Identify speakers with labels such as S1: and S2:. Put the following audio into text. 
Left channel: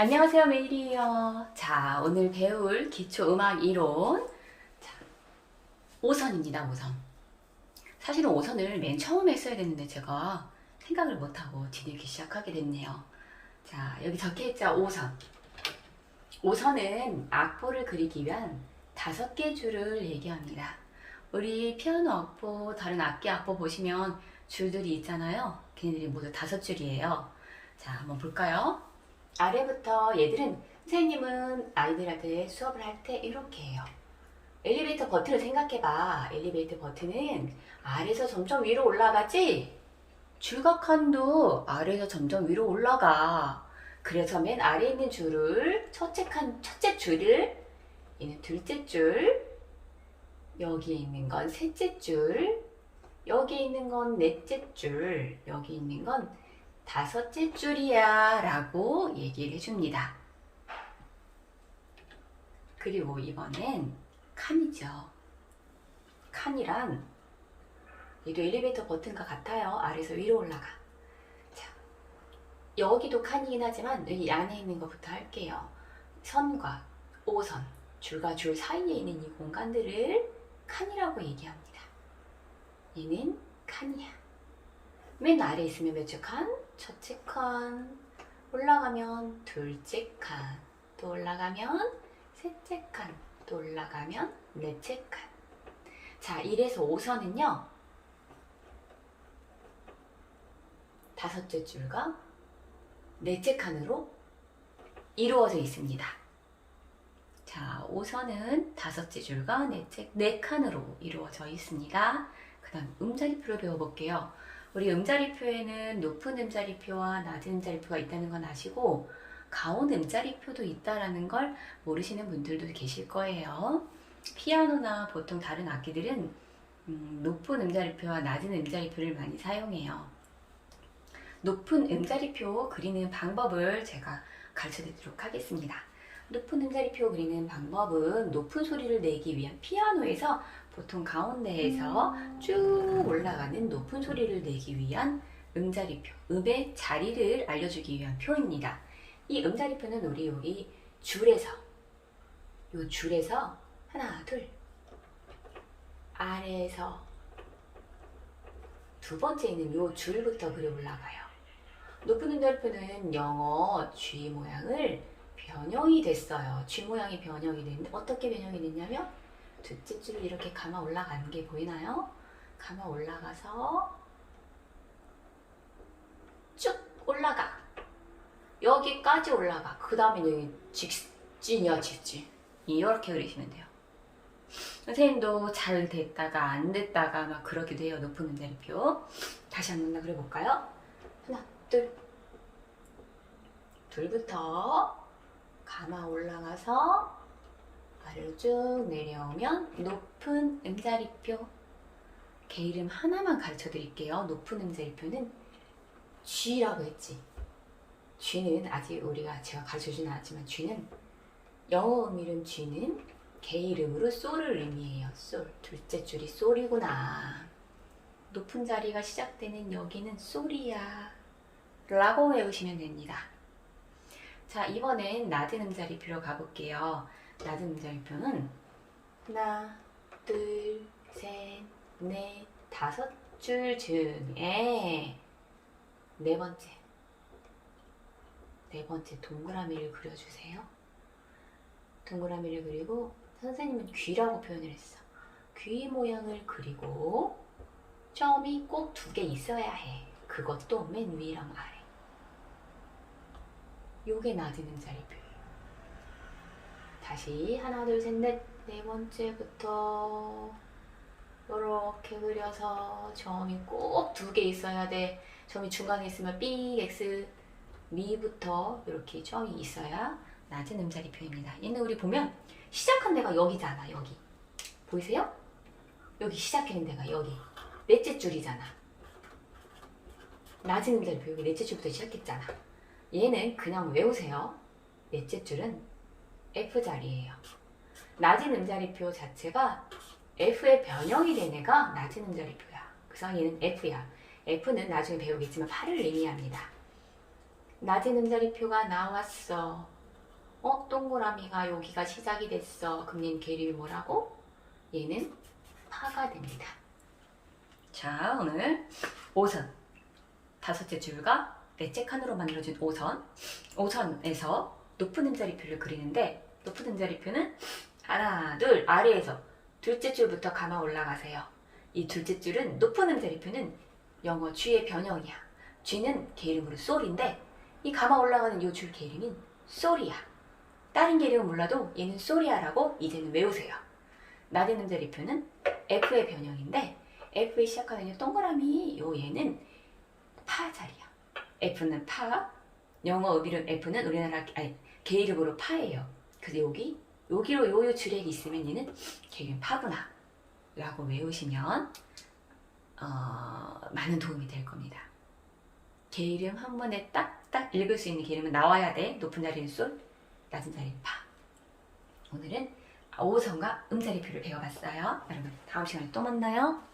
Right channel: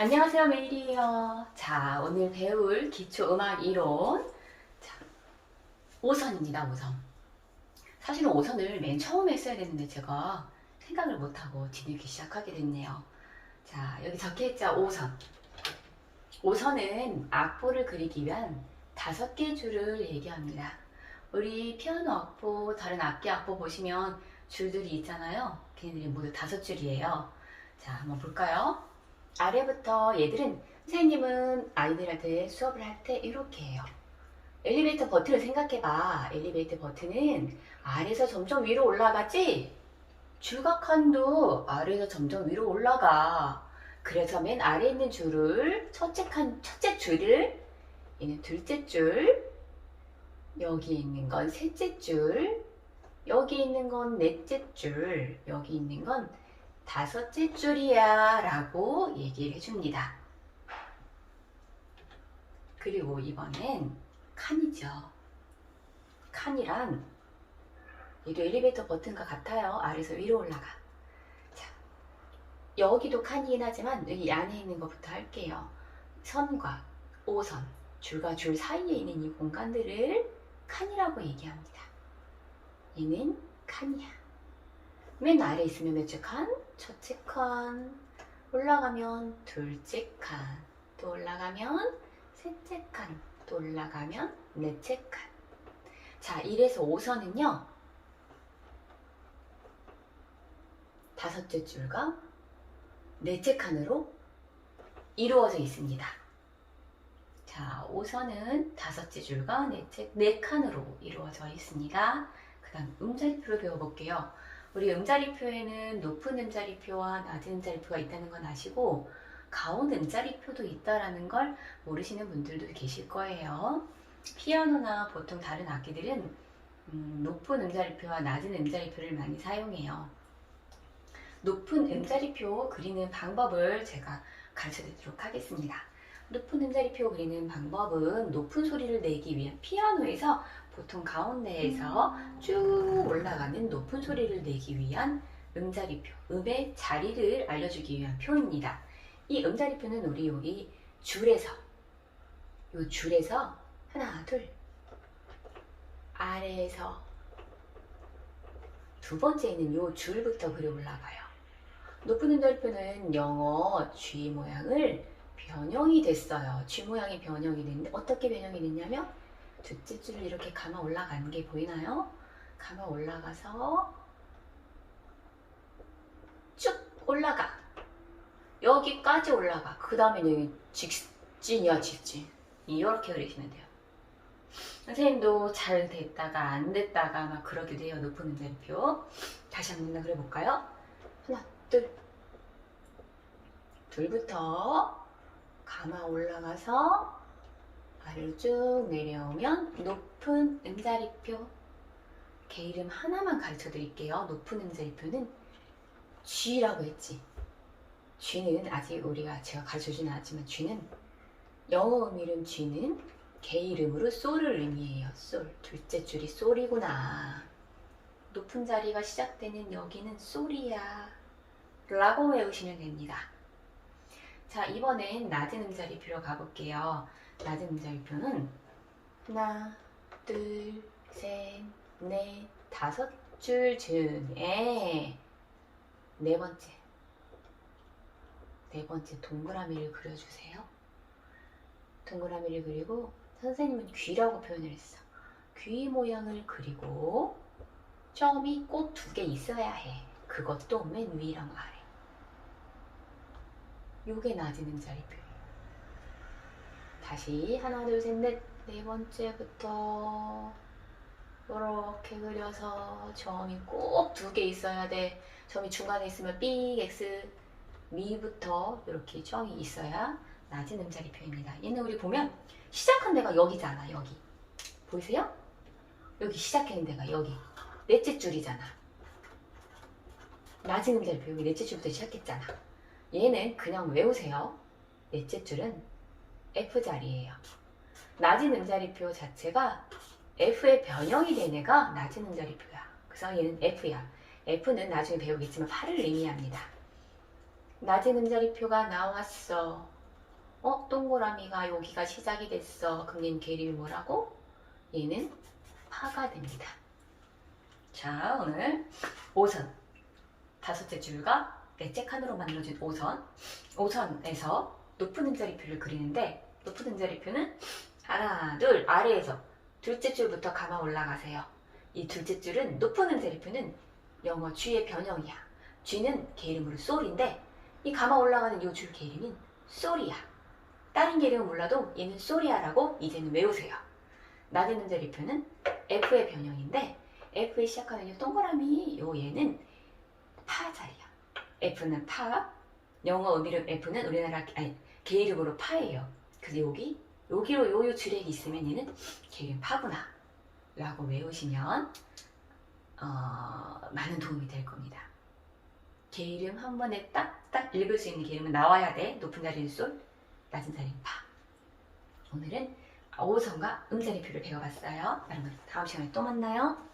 S1: 안녕하세요 메일이에요. 자 오늘 배울 기초음악 이론. 자, 5선입니다 5선. 사실은 5선을 맨 처음에 써야 되는데 제가 생각을 못하고 뒤늦게 시작하게 됐네요. 자 여기 적혀있죠? 5선. 5선은 악보를 그리기 위한 다섯 개 줄을 얘기합니다. 우리 피아노 악보 다른 악기 악보 보시면 줄들이 있잖아요. 걔네들이 모두 다섯 줄이에요. 자 한번 볼까요 아래부터 얘들은 선생님은 아이들한테 수업을 할 때 이렇게 해요. 엘리베이터 버튼을 생각해봐. 엘리베이터 버튼은 아래에서 점점 위로 올라가지? 줄각칸도 아래에서 점점 위로 올라가. 그래서 맨 아래에 있는 줄을 첫째 칸, 첫째 줄을 얘는 둘째 줄, 여기 있는 건 셋째 줄, 여기 있는 건 넷째 줄, 여기 있는 건 다섯째 줄이야 라고 얘기를 해줍니다. 그리고 이번엔 칸이죠. 칸이란 얘도 엘리베이터 버튼과 같아요. 아래에서 위로 올라가. 자, 여기도 칸이긴 하지만 여기 안에 있는 것부터 할게요. 선과 오선, 줄과 줄 사이에 있는 이 공간들을 칸이라고 얘기합니다. 얘는 칸이야. 맨 아래 있으면 몇줄 칸? 첫째 칸. 올라가면 둘째 칸. 또 올라가면 셋째 칸. 또 올라가면 넷째 칸. 자, 1에서 5선은요. 다섯째 줄과 넷째 칸으로 이루어져 있습니다. 자, 5선은 다섯째 줄과 넷째, 네 칸으로 이루어져 있습니다. 그 다음 음자리표를 배워볼게요. 우리 음자리표에는 높은 음자리표와 낮은 음자리표가 있다는 건 아시고 가운 음자리표도 있다라는 걸 모르시는 분들도 계실 거예요. 피아노나 보통 다른 악기들은 음, 높은 음자리표와 낮은 음자리표를 많이 사용해요. 높은 음자리표 그리는 방법을 제가 가르쳐 드리도록 하겠습니다. 높은 음자리표 그리는 방법은 높은 소리를 내기 위한 피아노에서 보통 가운데에서 쭉 올라가는 높은 소리를 내기 위한 음자리표, 음의 자리를 알려주기 위한 표입니다. 이 음자리표는 우리 여기 줄에서, 요 줄에서 하나, 둘, 아래에서 두 번째는 요 줄부터 그려 올라가요. 높은 음자리표는 영어 G 모양을 변형이 됐어요. G 모양이 변형이 됐는데 어떻게 변형이 됐냐면 둘째 줄을 이렇게 감아 올라가는 게 보이나요? 감아 올라가서 쭉 올라가. 여기까지 올라가. 그 다음에 여기 직진이야, 직진. 이렇게 그리시면 돼요. 선생님도 잘 됐다가 안 됐다가 막 그러기도 해요. 높은 음자리표. 다시 한번 그려볼까요? 하나, 둘. 둘부터 감아 올라가서 아래로 쭉 내려오면 높은 음자리표. 개 이름 하나만 가르쳐 드릴게요. 높은 음자리표는 G라고 했지. G는 아직 우리가 제가 가르쳐 주진 않았지만 G는 영어 음 이름 G는 개 이름으로 솔을 의미해요. 솔. 둘째 줄이 솔이구나. 높은 자리가 시작되는 여기는 솔이야. 라고 외우시면 됩니다. 자, 이번엔 낮은 음자리표로 가볼게요. 낮은 음자리표는 하나, 둘, 셋, 넷, 다섯 줄 중에 네 번째. 네 번째 동그라미를 그려주세요. 동그라미를 그리고 선생님은 귀라고 표현을 했어. 귀 모양을 그리고 점이 꼭 두 개 있어야 해. 그것도 맨 위랑 아래. 요게 낮은 음자리표예요. 다시 하나 둘 셋 넷 네 번째부터 이렇게 그려서 점이 꼭 두 개 있어야 돼. 점이 중간에 있으면 삑 X 미부터 이렇게 점이 있어야 낮은 음자리표입니다. 얘는 우리 보면 시작한 데가 여기잖아. 여기 보이세요? 여기 시작하는 데가 여기 넷째 줄이잖아. 낮은 음자리표 여기 넷째 줄부터 시작했잖아. 얘는 그냥 외우세요. 넷째 줄은 F 자리예요. 낮은 음자리표 자체가 F의 변형이 된 애가 낮은 음자리표야. 그래서 얘는 F야. F는 나중에 배우겠지만 8을 의미합니다. 낮은 음자리표가 나왔어. 어? 동그라미가 여기가 시작이 됐어. 그럼 얘는 계류이 뭐라고? 얘는 파가 됩니다. 자, 오늘 5선. 다섯째 줄과 넷째 칸으로 만들어진 5선. 5선에서 높은 음자리표를 그리는데 높은 음자리표는 하나, 둘, 아래에서 둘째 줄부터 감아 올라가세요. 이 둘째 줄은 높은 음자리표는 영어 G의 변형이야. G는 계름으로 솔인데 이 감아 올라가는 이줄 계름인 솔이야. 다른 계름은 몰라도 얘는 솔이야라고 이제는 외우세요. 낮은 음자리표는 F의 변형인데 F에 시작하는 이 동그라미 요 얘는 파 자리야. F는 파. 영어 음이름 F는 우리나라 아니, 개 이름으로 파예요. 그래서 여기 여기로 요요 줄액이 있으면 얘는 개이름 파구나 라고 외우시면 어, 많은 도움이 될 겁니다. 개 이름 한 번에 딱딱 읽을 수 있는 개 이름은 나와야 돼. 높은 자리는 솔, 낮은 자리는 파. 오늘은 오선과 음자리표를 배워봤어요. 여러분 다음 시간에 또 만나요.